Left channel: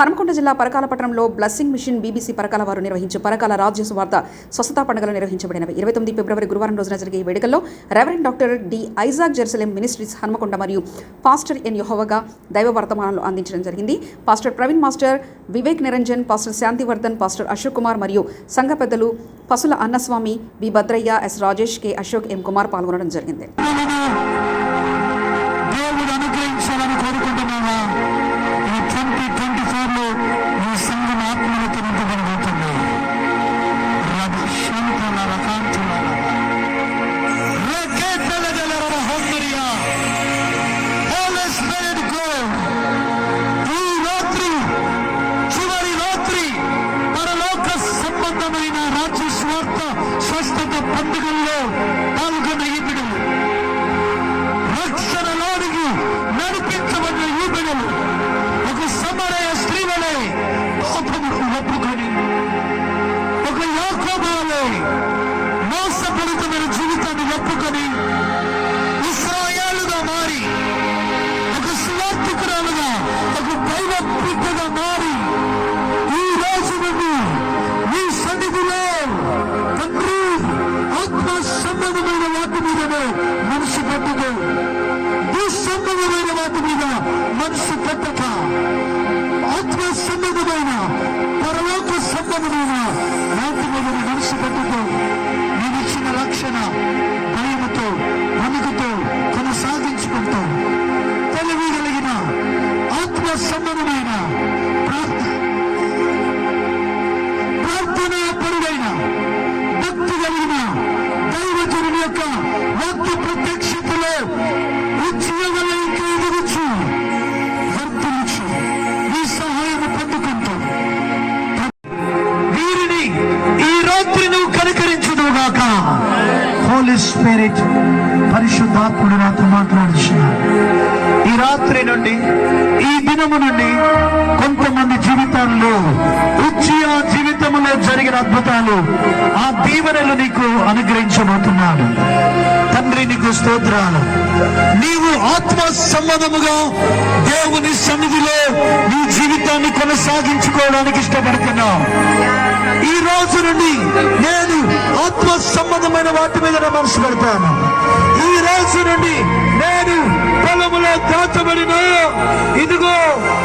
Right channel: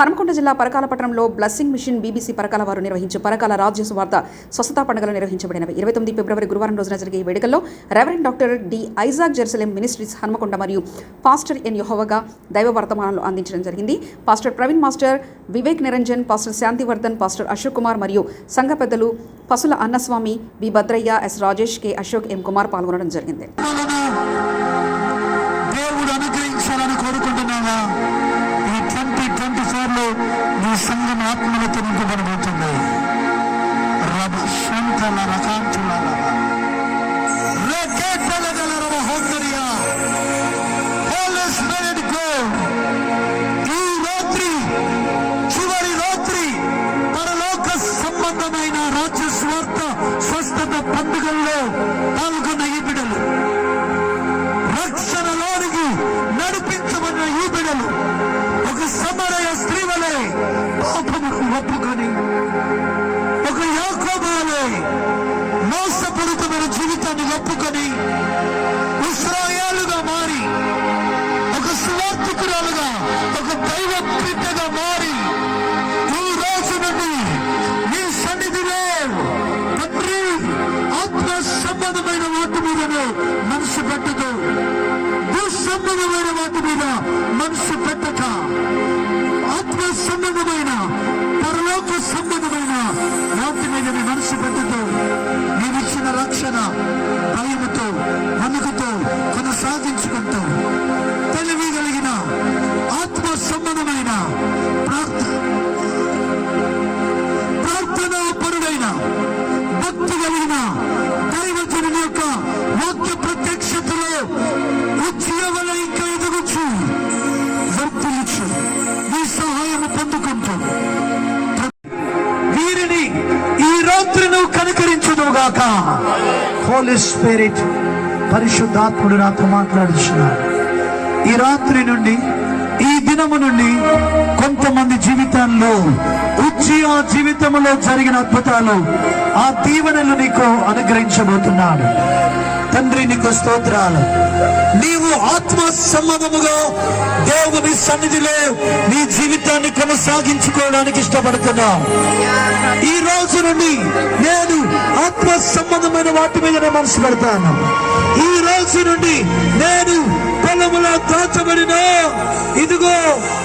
హనుమకొండ జిల్లా పరకాల పట్టణంలో machine BBC Parakala వారు నిర్వహించే పరకాల రాజ్య సువార్త స్వస్థతా పండుగలు నిర్వహించబడినవి. ఇరవై తొమ్మిది ఫిబ్రవరి గురువారం రోజున జరిగే ఈ వేడుకల్లో reverend doctor D Isaac Jerusalem Ministries Hanumakonda మరియు పాస్టర్ ఎన్ యుహోవగా దైవ వర్తమానాలు అందించడం జరిగింది. Pastor Praveen master Vivek Niranjan pastor Shantivardhan pastor Ashok Kumar మరియు సంఘ పెద్దలు Pasula Annaswamy B Bhadraiah S Rajesh K. Ashok M Kumar పాల్గొనడం జరిగింది. రేకేతల గల రవ హోందరియా. Holy Spirit go. ఈ రాత్రి చివరి రాత్రి పరలోక సంబంధమైన రాజ్య స్వార్థ స్వస్థత పండుగల్లో పాల్గొన్న ఈ బిడ్డలు రక్షణలోనికి నడిపించబడిన ఈ బిడలు ఒక సమరయ స్త్రీవలే పాపమును ఒప్పుకొని ఒక యాకోబాలే మోసపూరితమైన జీవితాన్ని ఒప్పుకొని మనసు పెట్టదు దుస్సంబంధమైన వాటి మీద మనసు పెట్టక ఆత్మ సంబంధమైన పరలోక సంబంధమైన వాటి మీద మనసు పెట్టదు నీవిచ్చిన రక్షణ భయముతో నమ్మకతో కొనసాగించుకుంటూ తెలివి కలిగిన ఆత్మ సంబంధమైన హోలీ స్పిరిట్ పరిశుద్ధాత్ముడు నాతో మాట్లాడుచున్నాడు ఈ రాత్రి నుండి ఈ దినము నుండి కొంతమంది జీవితాల్లో ఉచ్చియ జీవితంలో జరిగిన అద్భుతాలు ఆ దీవెనలు నీకు అనుగ్రహించబోతున్నాడు. తండ్రి నీకు స్తోత్రాలు. నీవు ఆత్మ సంబంధముగా దేవుని సన్నిధిలో నీ జీవితాన్ని కొనసాగించుకోవడానికి ఇష్టపడుతున్నావు. ఈ రోజు నుండి నేను ఆత్మ సంబంధమైన వాటి మీద మనసు పెడతాను. ఈ రోజు నుండి నేను పొలములో దాచబడిన ఇదిగో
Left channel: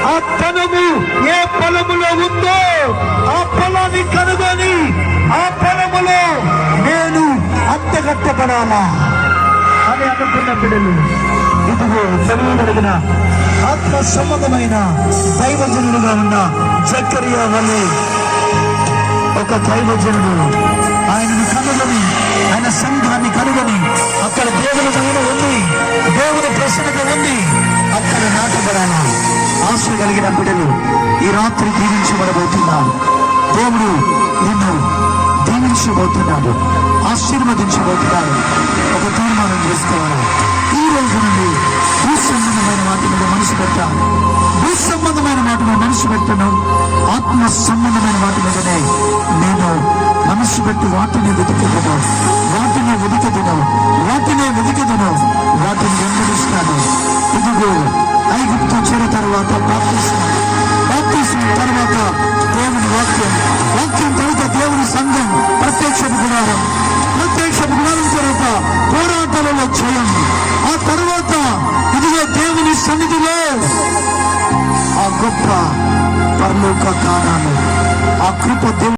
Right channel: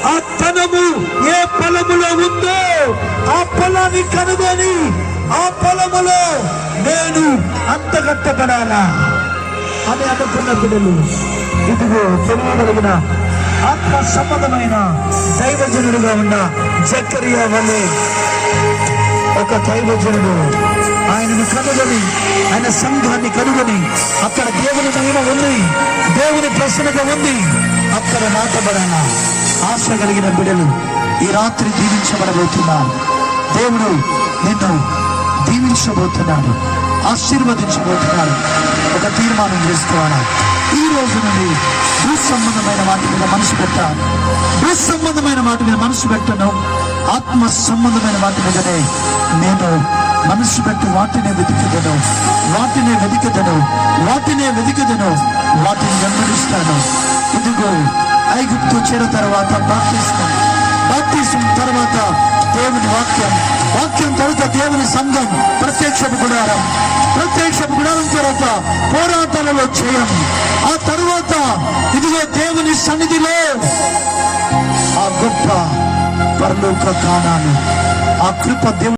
ఆ తనము ఏ పొలములో ఉందో ఆ పొలాన్ని కనుగొని ఆ పొలములో నేను అంతగట్టబడాలా అని అనుకున్న బిడ్డలు. ఇదిగో తెలివి కలిగిన ఆత్మ సంబంధమైన దైవజనుడుగా ఉన్న జక్కరియా వల్లే ఒక దైవజనుడు. ఆయనను కనుగొని ఆయన సంఘాన్ని కనుగొని అక్కడ దేవుని పైన ఉంది దేవుని ప్రశ్నగా ఉంది అక్కడ నాటబడాల? ఆశ కలిగిన బిడ్డలు ఈ రాత్రి దీవించబడబోతున్నారు దేవుడు నిన్ను దీవించబోతున్నాడు ఆశీర్వదించబోతున్నాడు. ఒక తీర్మానం చేసుకోవాలా? ఈ రోజు నుండి భూసంబంధమైన వాటి మీద మనసు పెట్టాం. భూసంబంధమైన వాటి మీద మనసు పెట్టను. ఆత్మ సంబంధమైన వాటి మీదనే నేను మనస్సు పెట్టి వాటిని వెతికెదను వాటినే వెతికెదను వాటినే వెతికెదను వాటిని వెంబడిస్తాను ఇదిగో ఐగుప్తు చెర తర్వాత ప్రార్థిస్తాను బాప్తిసం తర్వాత దేవుని వాక్యం. వాక్యం తర్వాత దేవుని సంఘం. ప్రత్యక్షపు గుడారం. ప్రత్యక్షపు గుడారం తర్వాత పోరాటంలో చేయం ఆ తర్వాత ఇదిగో దేవుని సన్నిధిలో ఆ గొప్ప పరలోక గానాలు ఆ కృప దేవుని